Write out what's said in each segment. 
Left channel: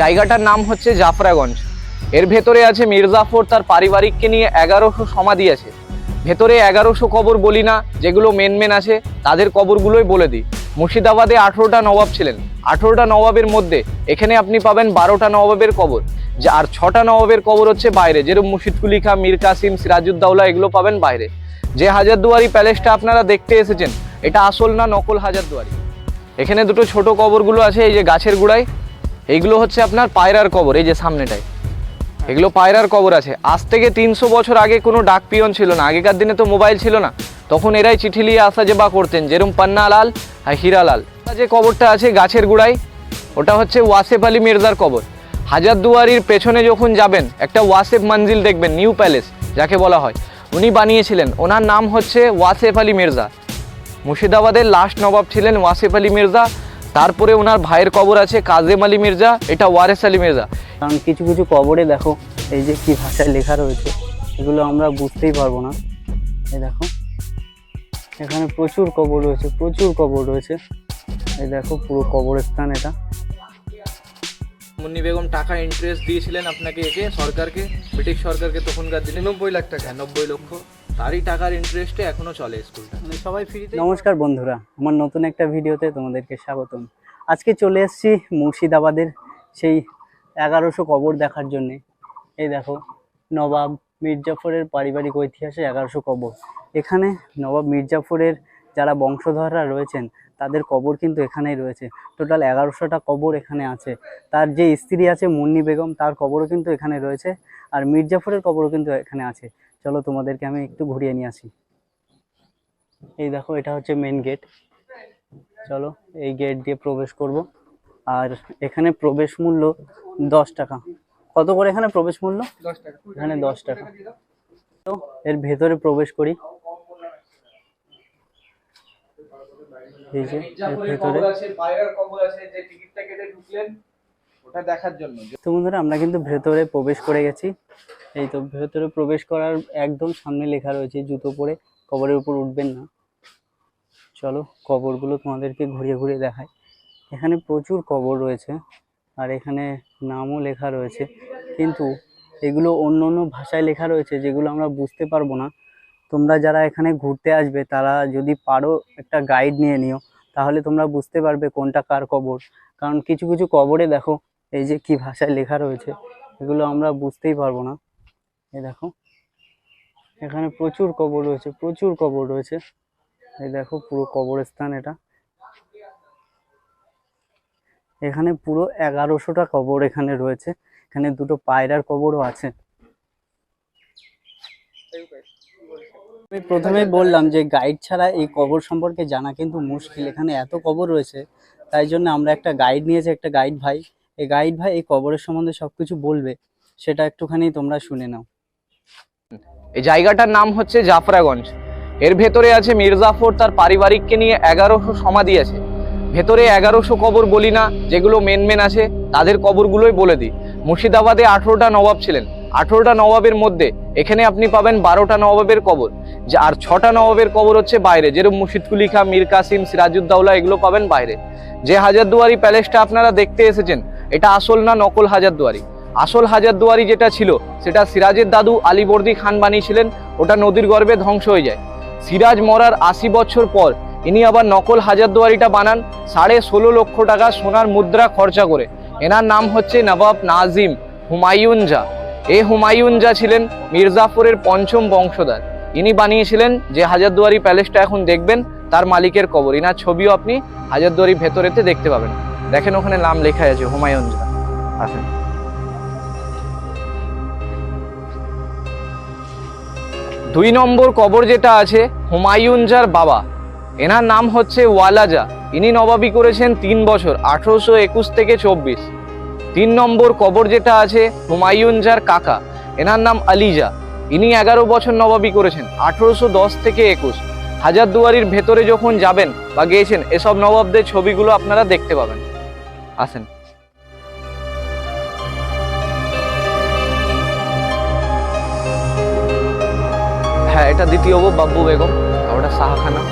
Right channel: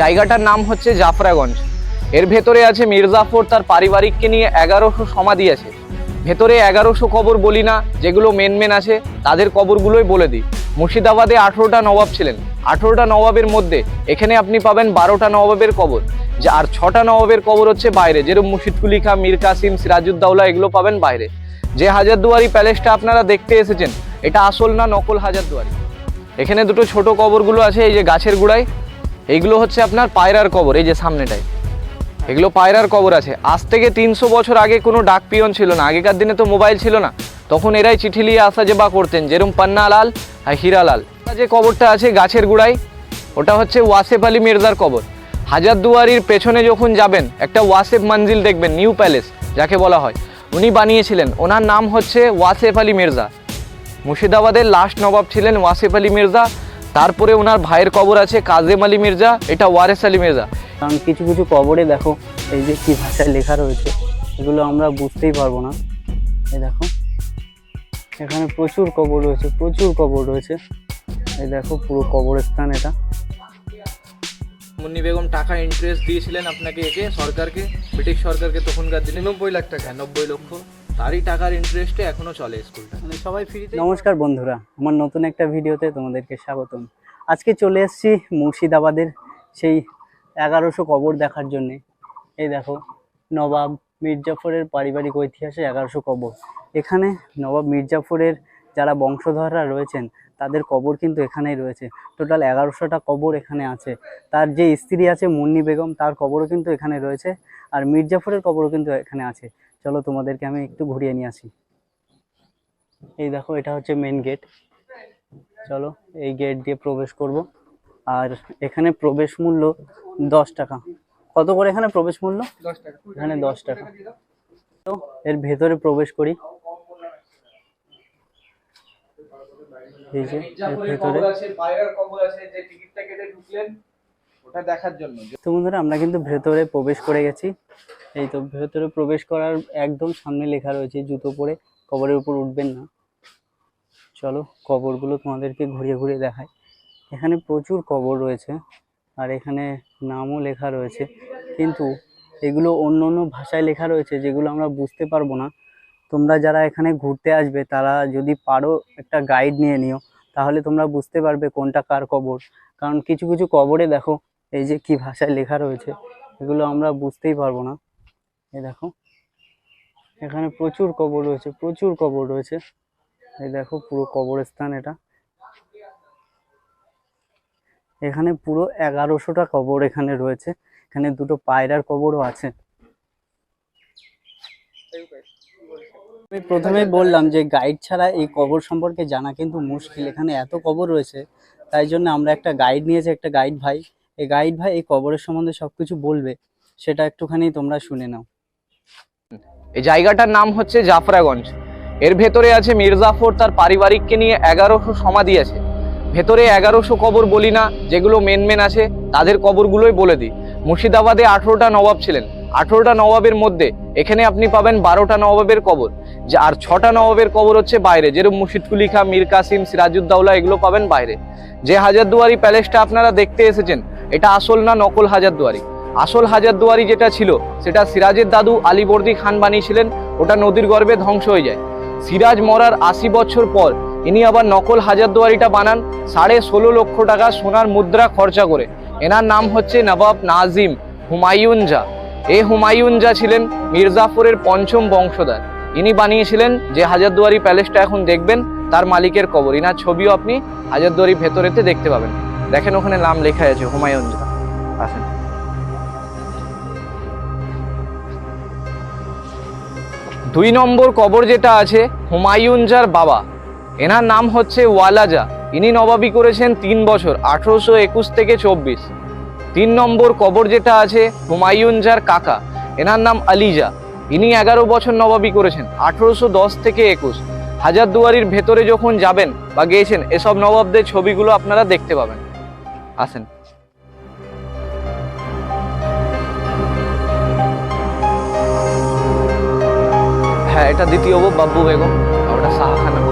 জায়গাটার নাম হচ্ছে জাফরাগঞ্জ। এর ভেতরে আছে মির্জাফর, তার পারিবারিককে নিয়ে এগারোশো সমাধি আছে। ভেতরে এগারোশো কবর বলি না, যেগুলো মেন মেন আছে, তাদের কবরগুলোই বলে দিই। মুর্শিদাবাদে আঠেরোটা নবাব ছিলেন। আঠেরোটা নবাবের মধ্যে এখানে আপনি পাবেন বারোটা নবাবের কবর। আর ছটা নবাবের কবর হচ্ছে বাইরে। যেরকম মুর্শিদকুলি খা মীর কাসিম সিরাজউদ্দৌলা, এগুলো পাবেন বাইরে। যে হাজারদুয়ারি প্যালেসটা আপনারা দেখতে এসেছেন, এটা আসল না নকল হাজারদুয়ারি? এখানে দুটো ছোট কবরগুলো আছে, এই যে গাছের গুড়ায়। এইগুলো হচ্ছে আপনার পায়রার কবর, এই যে সামনেটায়। এগুলো পায়রার কবর আছে। আজ থেকে তিনশো বছর আগে কোনো ডাক পিয়ন ছিল না। আগেকার দিনে তো মোবাইল ছিল না। তখন এরাই চিঠি নিয়ে আসা যে বা করতেন যেরকম পান্নালাল আর হীরালাল। যে কবরটা আছে গাছের গুড়ায়, ওটা হচ্ছে ওয়াসেফ আলী মির্জার কবর। হাজারদুয়ারির পেছনে যখন যাবেন, একটা ওয়াসেফ মঞ্জিল দেখবেন, নিউ প্যালেস, যাকে বলা হয়। উনি বানিয়েছিলেন। ওনার নাম হচ্ছে ওয়াসেফ আলী মির্জা। মুর্শিদাবাদের লাস্ট নবাব ছিলেন ওয়াসেফ আলী মির্জা। তারপরে ওনার ভাইয়ের কবর আছে কাজেম আলী মির্জা এটা ওয়ারেস আলী মির্জা। কারণ কিছু কিছু কবরে দেখো এই যে কি ভাষায় লেখা রয়েছে এগুলো আমরা বুঝতেই পারব না। এই দেখো এখানে প্রচুর কবর রয়েছে প্রচুর কবর রয়েছে। এই দেখো পুরো কবরস্থান এটা। মুন্নি বেগম টাকা ইন্টারেস্ট দিয়েছিলেন আপনাকে একে সরকারকে ব্রিটিশ সরকারকে তখনকার দিনে। নব্বই লাখ টাকা নব্বই লক্ষ। তারই টাকার ইন্টারেস্টে এখনও চলে স্কুলটা। মানে সবাই ফ্রিতে নমস্কার বন্ধুরা আমার নতুন একটা ভিডিওতে তোমাদেরকে স্বাগতম। আজকে চলে এসেছি মুর্শিদাবাদের সেই এগারোশো কবর দেখার জন্যে। এই দেখো নবাব মির্জাফরের পারিবারিক ঐতিহাসে এগারোশো কবর। এখানে নবাব মির্জাফরের যারা বংশধররা রয়েছেন তাদের কবর কিন্তু এখানেই রয়েছে। টোটাল এগারোশোটা কবর এখানে আছে। তার যে স্ত্রী আছে মুন্নি বেগম তার কবরও কিন্তু এখানে রয়েছে। আর মির্জাফরের কবরও কিন্তু এখানে আছে। চলো তোমাদেরকে আমি একটু ঘুরিয়ে নিয়ে আসি। এই দেখো এটা হচ্ছে মেন গেট চলো এই গেট দিয়ে প্রবেশ করব। আর এখানে প্রবেশ মূল্য দশ টাকা। কত করে এখানে প্রবেশ মূল্য? এখানে দশ টাকা। তো এর ভেতরে প্রবেশ করি। এই যে এর ভেতরে। ওটা দেখার জন্য। তো বন্ধুরা, আমরা কিন্তু ভেতরে প্রবেশ করে গেছি। এই তো ভেতরে প্রবেশ করার একদম সামনে লেখা রয়েছে জুতো পরে। কবরের উপর উঠবেন না। চলো, কবরগুলো তোমাদেরকে ঘুরিয়ে ঘুরিয়ে দেখাই। এখানে প্রচুর কবর রয়েছে আর এখানে নামও লেখা রয়েছে। কিন্তু এগুলো অন্য অন্য ভাষায় লেখা রয়েছে যেগুলো আমরা বুঝতে পারব না। তোমরা যারা এখানে ঘুরতে আসবে, তারা যদি পারো একটা গাইড নিয়ে নিও, তাহলে তোমরা বুঝতে পারবে কোনটা কার কবর। কারণ কিছু কিছু কবরে দেখো এই যে কি ভাষায় লেখা রয়েছে, এগুলো আমরা বুঝতেই পারব না। এই দেখো, এখানে প্রচুর কবর রয়েছে, প্রচুর কবর রয়েছে। এই দেখো, পুরো কবরস্থান এটা। এখানে পুরো এগারোশোটা কবর এখানে রয়েছে, এখানে দুটো পায়রার কবরও আছে। আমি প্রথমেই বললাম যে গাইড ছাড়া এই কবর সম্পর্কে জানা কিন্তু মুশকিল, এখানে এত কবর রয়েছে, তাই জন্য আমরা একটা গাইড নিয়েছি, একটা গাইড ভাই। এই গাইড ভাই, এই কবরের সম্বন্ধে সবকিছু বলবে, সেটা একটুখানি তোমরা শুনে নাও। এই জায়গাটার নাম হচ্ছে জাফরাগঞ্জ। এর ভেতরে আছে মির্জাফর, তার পারিবারিককে নিয়ে এগারোশো সমাধি আছে। ভেতরে এগারোশো কবর বলি না, যেগুলো মেন মেন আছে, তাদের কবরগুলোই বলে দিই। মুর্শিদাবাদে আঠেরোটা নবাব ছিলেন। আঠেরোটা নবাবের মধ্যে এখানে আপনি পাবেন বারোটা নবাবের কবর। যা আর ছটা নবাবের কবর হচ্ছে বাইরে। যেরকম মুর্শিদকুলি খা মীর কাসিম সিরাজউদ্দৌলা, এগুলো পাবেন বাইরে। যে হাজারদুয়ারি প্যালেসটা আপনারা দেখতে এসেছেন, এটা আসল না নকল হাজারদুয়ারি? আসল হাজারদুয়ারি যেটা ছিল, সেটা সিরাজের দাদু আলীবর্দী খান বানিয়েছিলেন, ওটা নদীর গর্ভে ধ্বংস হয়ে যায়। সিরাজ মরার আশি বছর পর ইনি আবার নকল হাজারদুয়ারিটা বানান, সাড়ে ষোলো লক্ষ টাকা সোনার মুদ্রা খরচা করে। এনার নাম হচ্ছে নবাব নাজিম হুমায়ুন জা এ হুমায়ুন জা ছিলেন মির্জাফরের পঞ্চম বংশধর। ইনি বানিয়েছিলেন যে হাজারদুয়ারি প্যালেসটা এখন দেখবেন, তার মালিকের কবর। ইনার ছবিও আপনি হাজারদুয়ারি ভেতরেতে দেখতে পাবেন। দেখেন ওখানে নাম লেখা আছে, হুমায়ুন জা আসেন। দুই নম্বর কবর যেটা আছে, হুমায়ুন জার বাবা। এনার নাম হচ্ছে ওয়ালাজা। ইনি নবাবি করেছেন তিন বছর, আঠারোশো একুশ থেকে চব্বিশ। তিন নম্বর কবর যেটা আছে হুমায়ুন জার কাকা। এনার নাম আলিজা। ইনি এগারো বছর নবাবি করেছেন, আঠারোশো দশ থেকে একুশ। হাজারদুয়ারির ভেতরে যখন যাবেন বা গিয়েছেন, এসব নবাবদের ছবিগুলো আপনারা দেখতে পাবেন। আসেন। হ্যাঁ এটা দ্বিতীয় বাব্বু বেগম ওটা শাহখানা।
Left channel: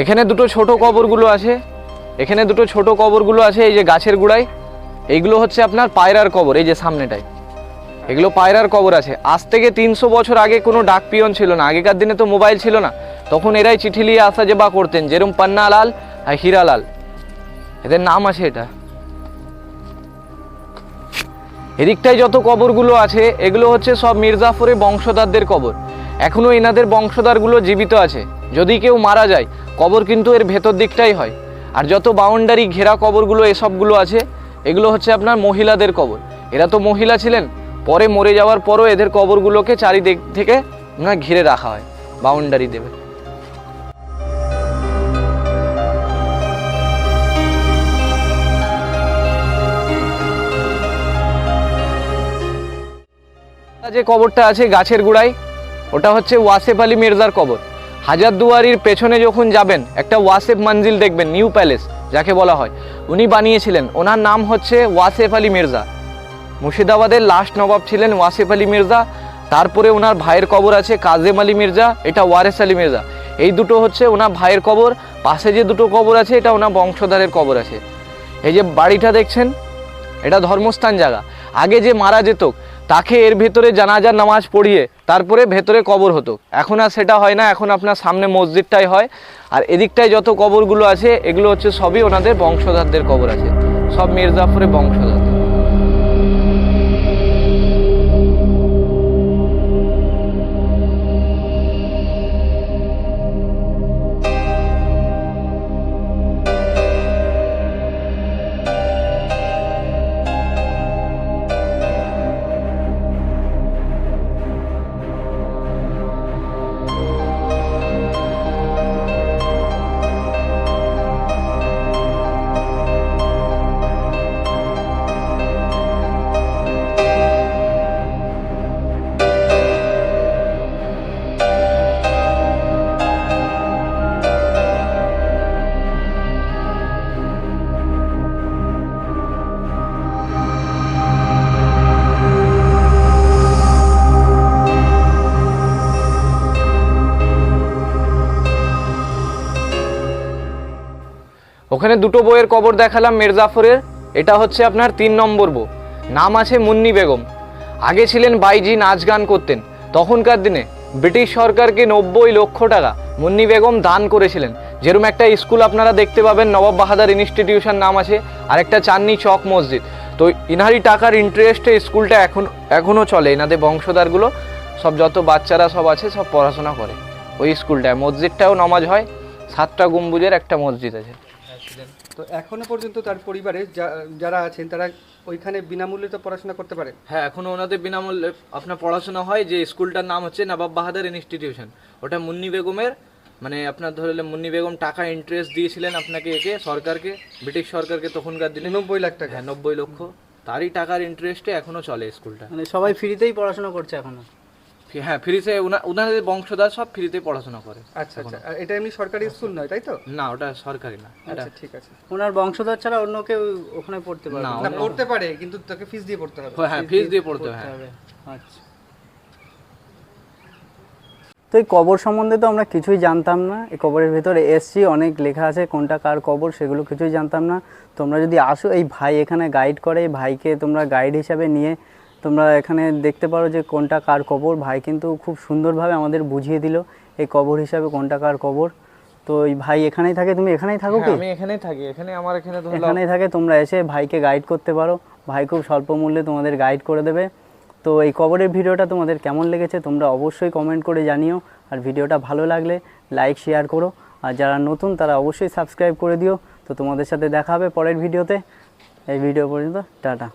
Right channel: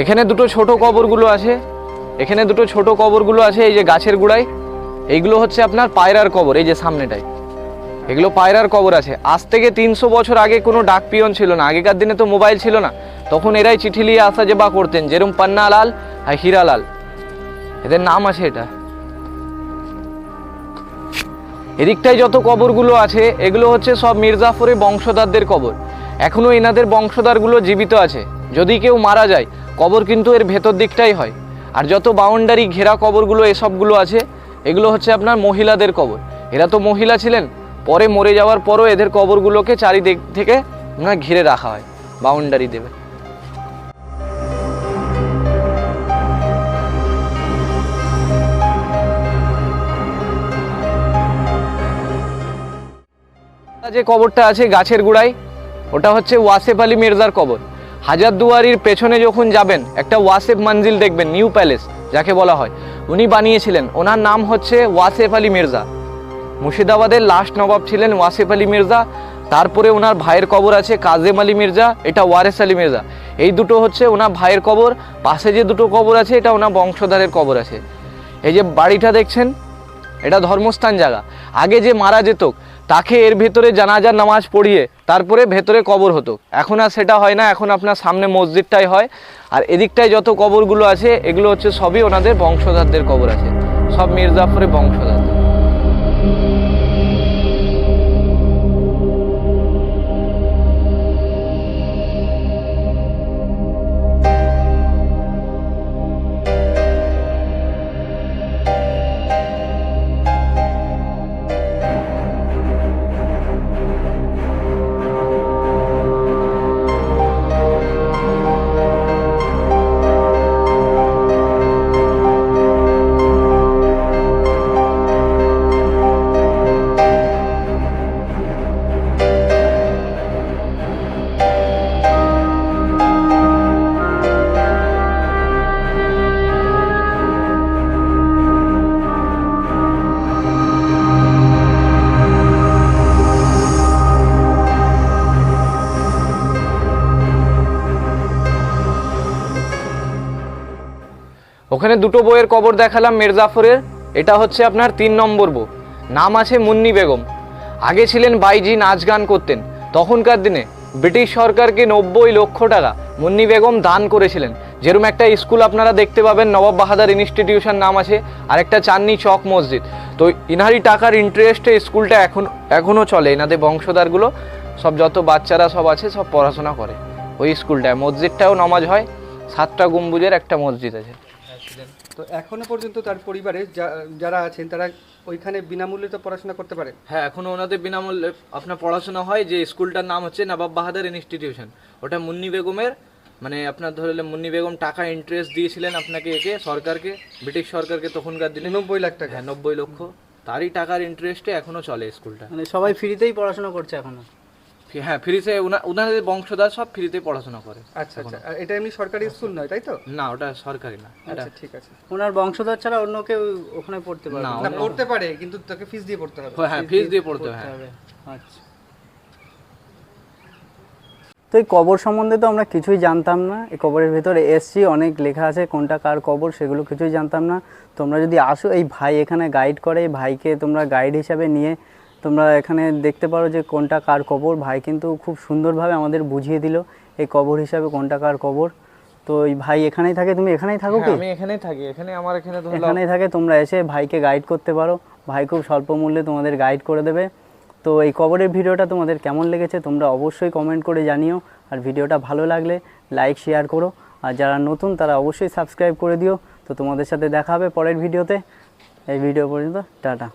এখানে দুটো ছোট কবরগুলো আছে। এখানে দুটো ছোট কবরগুলো আছে, এই যে গাছের গুড়ায়। এইগুলো হচ্ছে আপনার পায়রার কবর, এই যে সামনেটায়। এগুলো পায়রার কবর আছে। আজ থেকে তিনশো বছর আগে কোনো ডাক পিয়ন ছিল না। আগেকার দিনে তো মোবাইল ছিল না। তখন এরাই চিঠি নিয়ে আসা যে বা করতেন যেরকম পান্নালাল আর হীরালাল। এদের নাম আছে এটা। এদিকটায় যত কবরগুলো আছে, এগুলো হচ্ছে সব মির্জাফরের বংশধরদের কবর। এখনও এনাদের বংশধরগুলো জীবিত আছে। যদি কেউ মারা যায়, কবর কিন্তু এর ভেতর দিকটাই হয়। আর যত বাউন্ডারি ঘেরা কবরগুলো, এসবগুলো আছে, এগুলো হচ্ছে আপনার মহিলাদের কবর। এরা তো মহিলা ছিলেন, পরে মরে যাওয়ার পরও এদের কবরগুলোকে চারিদিক থেকে ঘিরে রাখা হয় বাউন্ডারি দেবে। যে কবরটা আছে গাছের গুড়ায়, ওটা হচ্ছে ওয়াসেফ আলী মির্জার কবর। হাজারদুয়ারির পেছনে যখন যাবেন, একটা ওয়াসেফ মঞ্জিল দেখবেন, নিউ প্যালেস, যাকে বলা হয়। উনি বানিয়েছিলেন। ওনার নাম হচ্ছে ওয়াসেফ আলী মির্জা। মুর্শিদাবাদের লাস্ট নবাব ছিলেন ওয়াসেফ আলী মির্জা। তারপরে ওনার ভাইয়ের কবর আছে কাজেম আলী মির্জা, এটা ওয়ারেস আলী মির্জা। এই দুটো হচ্ছে ওনার ভাইয়ের কবর। পাশে যে দুটো কবর আছে, এটা ওনার বংশধরের কবর আছে। এই যে বাড়িটা দেখছেন, এটা ধর্মস্থান জায়গা। আগে যে মারা যেত তাকে এর ভেতরে জানাজার নামাজ পড়িয়ে তারপরে ভেতরে কবর হতো। এখন আর সেটা হয় না, এখন আপনার সামনে মসজিদটাই হয়। আর এদিকটায় যত কবরগুলো আছে, এগুলো হচ্ছে সবই ওনাদের বংশধারদের কবর আছে। সব মির্জাফরের বংশধরদের। ওখানে দুটো বইয়ের কবর দেখালাম মির্জাফরের। এটা হচ্ছে আপনার তিন নম্বর বউ নাম আছে মুন্নি বেগম। আগে ছিলেন বাইজি নাচ গান করতেন। তখনকার দিনে ব্রিটিশ সরকারকে নব্বই লক্ষ টাকা মুন্নি বেগম দান করেছিলেন। যেরকম একটা স্কুল আপনারা দেখতে পাবেন, নবাব বাহাদার ইনস্টিটিউশন নাম আছে আর একটা চাঁদনি চক মসজিদ। তো ইনারি টাকার ইন্টারেস্টে স্কুলটা এখন এখনও চলে। এনাদের বংশধরগুলো সব যত বাচ্চারা সব আছে, সব পড়াশোনা করে। ওই স্কুলটায় মসজিদটাও নামাজ হয়, সাতটা গম্বুজের একটা মসজিদ আছে। তো এখনও পর্যন্ত তার পরিবারে যা- যারা আছেন তারা ওইখানে বিনামূল্যে তো পড়াশোনা করতে পারে? হ্যাঁ এখনও ওনাদের বিনামূল্যে আপনার পড়াশোনা হয় যে স্কুলটার নাম হচ্ছে নবাব বাহাদুর ইনস্টিটিউশন। ওটা মুন্নি বেগমের মানে আপনার ধরলে মুন্নি বেগম টাকা ইন্টারেস্ট দিয়েছিলেন আপনাকে একে সরকারকে ব্রিটিশ সরকারকে তখনকার দিনে। নব্বই লাখ টাকা। হ্যাঁ নব্বই লক্ষ। তারই টাকার ইন্টারেস্টে এখনও চলে স্কুলটা। মানে সবাই ফ্রিতেই পড়াশোনা করছে এখনও? হ্যাঁ ফ্রিতে ওনাদের বংশধর সব ফ্রিতে পড়াশোনা করে আচ্ছা আচ্ছা। এটা এমনি সরকারি স্কুল নয় তাই তো? না ওটা সরকারি না আচ্ছা ঠিক আছে। ওনার বংশধর ছাড়া অন্য কেউ ওখানে পড়তে পারবে না, পড়তে পারে কিন্তু তাকে ফিস দিয়ে পড়তে হবে। হ্যাঁ ফিস দিয়ে পড়তে। হবে। আচ্ছা। তো এই কবর সম্বন্ধে তো আমরা কিছুই জানতাম না। এই কবরের ভেতরে এসছি অনেক লেখা আছে কোনটা কার কবর সেগুলো কিছুই জানতাম না। তোমরা যদি আসো এই ভাই এখানে গাইড করে এই ভাইকে তোমরা গাইড হিসাবে নিয়ে তোমরা এখানে দেখতে পারো যে কোনটা কার কবর। ভাই কিন্তু খুব সুন্দরভাবে আমাদের বুঝিয়ে দিল এই কবর হিসাবে কোনটা কার কবর। তো এই ভাই এখানেই থাকে তুমি এখানেই থাকো কি? হ্যাঁ, আমি এখানেই থাকি এখানে আমার এখানে ধরলাম। এখানেই থাকে তোমরা এসে ভাইকে গাইড করতে পারো। ভাই খুব স্বল্প মূল্যে তোমাদের গাইড করে দেবে। তো এই কবরের ভিডিওটা তোমাদের কেমন লেগেছে তোমরা অবশ্যই কমেন্ট করে জানিও। আর ভিডিওটা ভালো লাগলে লাইক শেয়ার করো। আর যারা নতুন তারা অবশ্যই সাবস্ক্রাইব করে দিও। তো তোমাদের সাথে দেখা হবে পরের ভিডিওতে। এই ভিডিও পর্যন্ত টাটা।